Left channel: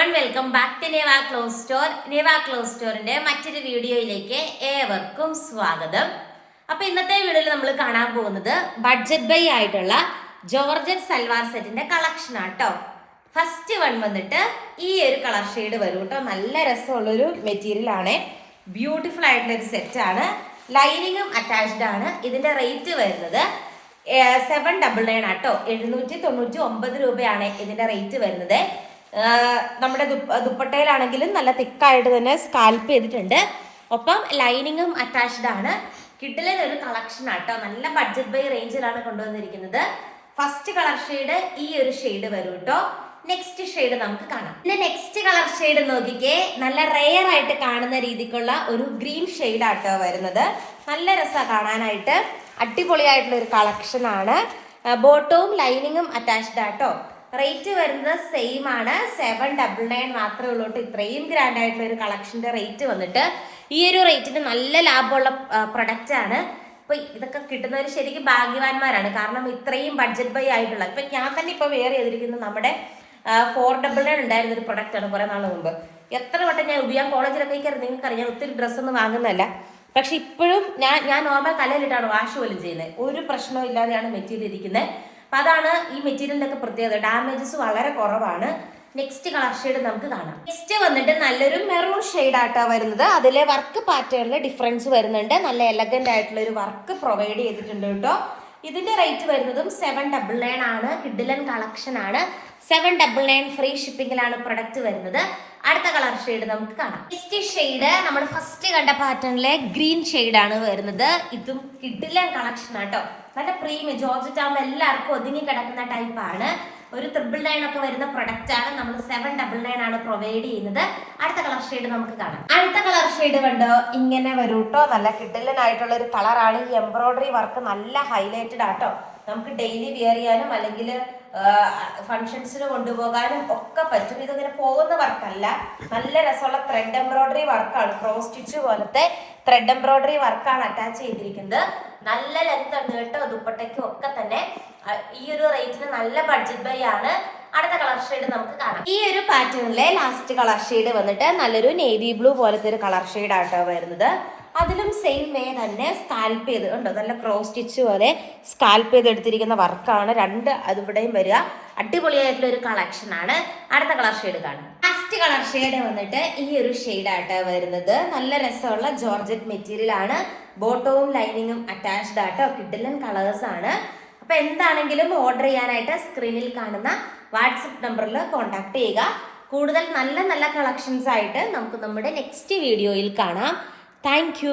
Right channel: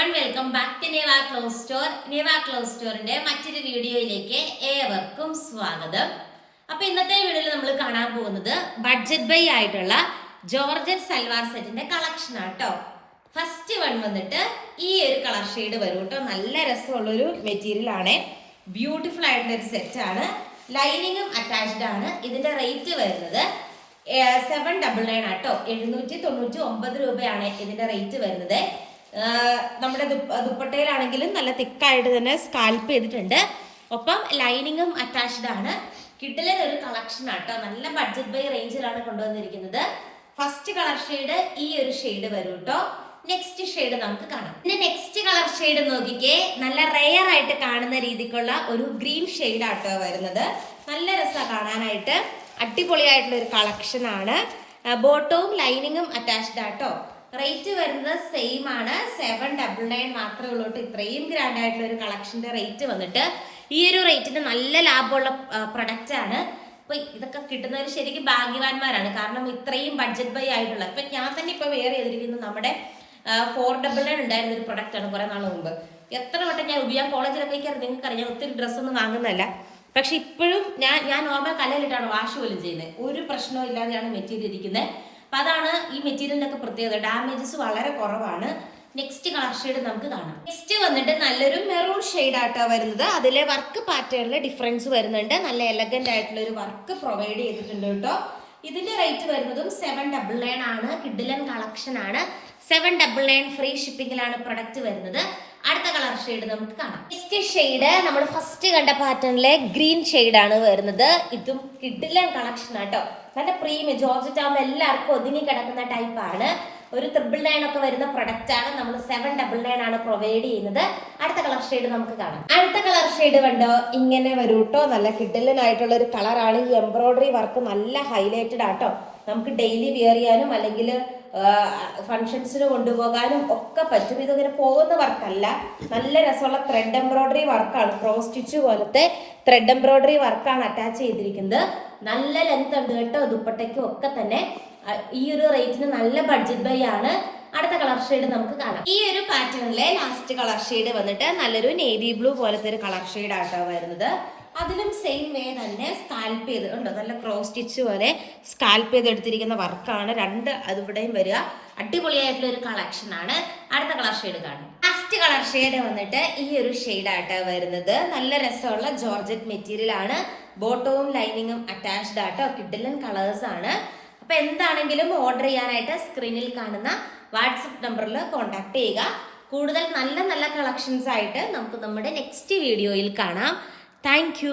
Everyone welcome back to Neva cloth store. Neva cloth സ്റ്റോറിന്റെ മറ്റൊരു വീഡിയോയിലേക്ക് ഏവർക്കും സ്വാഗതം. അപ്പൊ ഇന്നത്തെ വീഡിയോയിൽ നമ്മൾ കാണാൻ പോകുന്നത് ബഡ്ജറ്റ് ബൈ ആയിട്ടുള്ള ജോർജറ്റ് സൽവാർ സെറ്റിന്റെ കളക്ഷൻ ആട്ടോ. ഫസ്റ്റ് വൺ വന്നിട്ട് ഈ ഒരു കളർ ഷെയ്ഡ് വരും കേട്ടോ. നല്ല രസമുള്ളൊരു മെറ്റീരിയൽ ആണ്, ബ്യൂട്ടിഫുൾ ആയിട്ടുള്ള ഒരു സെറ്റ് ആണ്. ലൈനിങ്ങും അറ്റാച്ച്ഡ് ആണ്. ഇതിന്റെ റേറ്റ് വരുന്നത് 799 ആട്ടോ. 799 രൂപയാണ് ഇതിന്റെ റേറ്റ് വരുന്നത്. നമ്മുടെ ദുപ്പട്ടയിലാണെങ്കിലും നല്ല തിക്കായിട്ട് തന്നെ സ്കാൽപ്പ് ചെയ്തിട്ടുണ്ട്. ഒപ്പം ലൈനിങ്ങും അറ്റാച്ച്ഡ് ആണ്. കിഡിലെ ഒരു കളക്ഷൻ ആട്ടോ. നല്ല ബഡ്ജറ്റ് ബൈ റേഞ്ചിലാണ് കൊണ്ടുവന്നിരിക്കുന്നത്. ഫസ്റ്റ് കളർ ഷെയ്ഡ് ഈ ഒരു ഷെയ്ഡ് വരും കേട്ടോ. നെക്സ്റ്റ് ഷെയ്ഡ് നമുക്ക് കാണാം. പിന്നെ നെക്സ്റ്റ് കളർ ഷെയ്ഡ് നോക്കിക്കേ, നല്ല റെയർ ആയിട്ട് കാണുന്ന രീതിക്കുള്ള ഒരു ഗ്രീൻ ഷെയ്ഡ് ആട്ടോ വരുന്നത്. നല്ല രസമാണ് കാണാനായിട്ട്. അടിപൊളിയായിട്ടുള്ള ഒരു കളക്ഷൻ ആണ്. ബോട്ടവും ലൈനിങ്ങും അറ്റാച്ച്ഡ് ആട്ടോ. റേറ്റ് വരുന്നത് സെയിം ആണ്, 799 മാത്രമേ ഉള്ളൂ. ഇത്രയും ഗ്രാൻഡ് ആയിട്ടുള്ള ഒരു കളക്ഷന്റെ റേറ്റ് വന്നിട്ട് ഈ ഒരു റേറ്റിന് നല്ല ലാഭമുള്ള പ്രൊഡക്റ്റ് ആണ്. ഇപ്പൊ ഇതൊക്കെ കിട്ടുന്നവർ ശരിക്കും ഭാഗ്യവാന്മാരാണ്. കാരണം ഇത്രയും ബഡ്ജറ്റ് ബൈ ആയിട്ടുള്ള, ഇപ്പൊ ഞാൻ തന്നെ ഇപ്പൊ വെയർ ചെയ്തിരിക്കുന്നത് നമ്മുടെ 499 ഉണ്ടായിരുന്ന ഒരു പ്രൊഡക്റ്റ് ആണ് കുറെ നാൾ മുമ്പ്. എത്ര വട്ടം ഞാൻ ഉപയോഗിക്കാൻ കോളേജിലൊക്കെ നിങ്ങൾക്കറിയാം, ഞാൻ ഒത്തിരി ഡ്രസ്സൊന്നും വാങ്ങുന്നതല്ല. പക്ഷെ ഇപ്പോഴും ഞാൻ നോർമൽ കലയിലിട്ടാണ് വാഷ് പോലും ചെയ്യുന്നത്. ഒരു പ്രശ്നവും ഇല്ലാതെയാണ് മെറ്റീരിയൽ ഇരിക്കുന്നത്. അപ്പൊ അതാണ് ഈ മെറ്റീരിയലിന്റെ ഒക്കെ പ്രത്യേകത. ഡാമേജസ് വളരെ കുറവാണ്. നെക്സ്റ്റ് കളർ ഷെയ്ഡ് നമുക്ക് കാണാം. നെക്സ്റ്റ് വന്നിട്ട് നല്ലൊരു മെറൂൺ ഷെയ്ഡ് ആയിട്ടാ വരുന്നത്. അതിലെ വർക്ക് പാറ്റേണിൽ ഡിഫറൻസ് വരുന്നുണ്ട്. നല്ല എലഗന്റ് ആയിട്ടുള്ള ഒരു വർക്ക് പ്രൊവൈഡ് ചെയ്തിട്ടുണ്ട് കേട്ടോ. ഇതിന്റെ റേറ്റ് വരുന്നതും 799 ആണ്. കിഡിലൻ കളക്ഷൻ ആണ്. 799 ഫ്രീ ഷിപ്പിംഗിലാണ് പ്രൊഡക്റ്റ് വരുന്നത്. അടുത്ത കളർ ഷെയ്ഡ് നമുക്ക് കാണാം. നെക്സ്റ്റ് ഷെയ്ഡ് നമ്മൾ ഫസ്റ്റ് കണ്ട പാറ്റേണിലെ ഗ്രീൻ ഷെയ്ഡ് ആണ് വരുന്നത്. ഇതും കിഡിലൻ കളക്ഷൻ ആട്ടോ. നല്ല പ്രീമിയം ജോർജറ്റ് ആകുമ്പോൾ എല്ലാവർക്കും ഒതുങ്ങി കിടക്കുന്ന ടൈപ്പ് ആണ്. ഒരു 999 ഒക്കെ വരുന്ന പ്രൊഡക്റ്റ് ആണ്. നമ്മൾ 799 ആണ് പ്രൊവൈഡ് ചെയ്യുന്നത്. അടുത്ത കളർ ഷെയ്ഡ് നമുക്ക് കാണാം. അടുത്ത കളർ ഷെയ്ഡ് കണ്ടോ, ഇങ്ങനെ വരും കേട്ടോ. നല്ല കിഡിലൻ ആയിട്ടുള്ള ഒരു കളറാണ്. ഈ എംബ്രോയിഡറി വർക്ക് നല്ല ഹൈലൈറ്റഡ് ആട്ടോ. നമുക്ക് ഡെയിലി വെയർ ചെയ്യാനും അല്ലെങ്കിൽ ഫങ്ഷൻസിന് കൊണ്ടുപോകാനും ഒക്കെ പറ്റും. ഇതിങ്ങനെ പോകുന്ന വർക്കല്ല, നല്ല രസമുള്ള ത്രെഡ് എംബ്രോയിഡറി വർക്കാണ്. ക്രോസ് സ്റ്റിച്ച് പോലത്തെ ത്രെഡ് എംബ്രോയിഡറി വർക്കാണ് അറ്റാച്ച് ചെയ്തിരിക്കുന്നത്. നല്ല ലെങ്ത് ഉണ്ട് കേട്ടോ. ദുപ്പട്ടയ്ക്കും ഒക്കെ തന്നെ ഈ ഒരു റേറ്റിന് നല്ല ബഡ്ജറ്റ് ബൈ ആണ്. അടുത്ത കളർ ഷെയ്ഡ് നമുക്ക് കാണാം. ഈ ഒരു പാറ്റേണിലെ ലാസ്റ്റ് കളർ ഷെയ്ഡ് വന്നിട്ട് നല്ലൊരു നേവി ബ്ലൂ പോലത്തെ ഒരു കളർ ഷെയ്ഡ് ആട്ടോ വരുന്നത്. അതിലും സെയിം വേ തന്നെ സ്കാൽപ്പ് ചെയ്ത് ഉണ്ടോ, നല്ല ക്രോസ് സ്റ്റിച്ച് പോലെ സ്കാൽപ്പ് ചെയ്ത് എടുത്തിരിക്കുന്ന വർക്കാണ്. രണ്ട് അതിവിടെയും വരിക. അടിപൊളിയായിട്ടുള്ള ഒരു കളക്ഷൻ ആണ്. അടുത്ത കളർ ഷെയ്ഡ് കാണും. ലാസ്റ്റ് കളർ ഷെയ്ഡ് വന്നിട്ട് ഈ ഒരു ഷെയ്ഡ് ആട്ടോ വരുന്നത്. നല്ല രസമുള്ള ജോർജറ്റ് മെറ്റീരിയൽ ആണ്. ബോട്ടവും ലൈനിങ്ങും അറ്റാച്ച്ഡ് ആട്ടോ. കിഡിലൻ കളേഴ്സ് ആണ്. അപ്പൊ എന്താണെങ്കിലും ഓർഡർ ചെയ്യാനായിട്ട് സ്ക്രീനിൽ കാണുന്ന വാട്സപ്പ് നമ്പറിൽ കോൺടാക്ട് ചെയ്യുക. കൂടുതൽ നല്ല നല്ല കളക്ഷൻസ് ആയിട്ട് നമുക്ക് നമ്മുടെ നെക്സ്റ്റ് വീഡിയോയിൽ കാണാം. Thank you.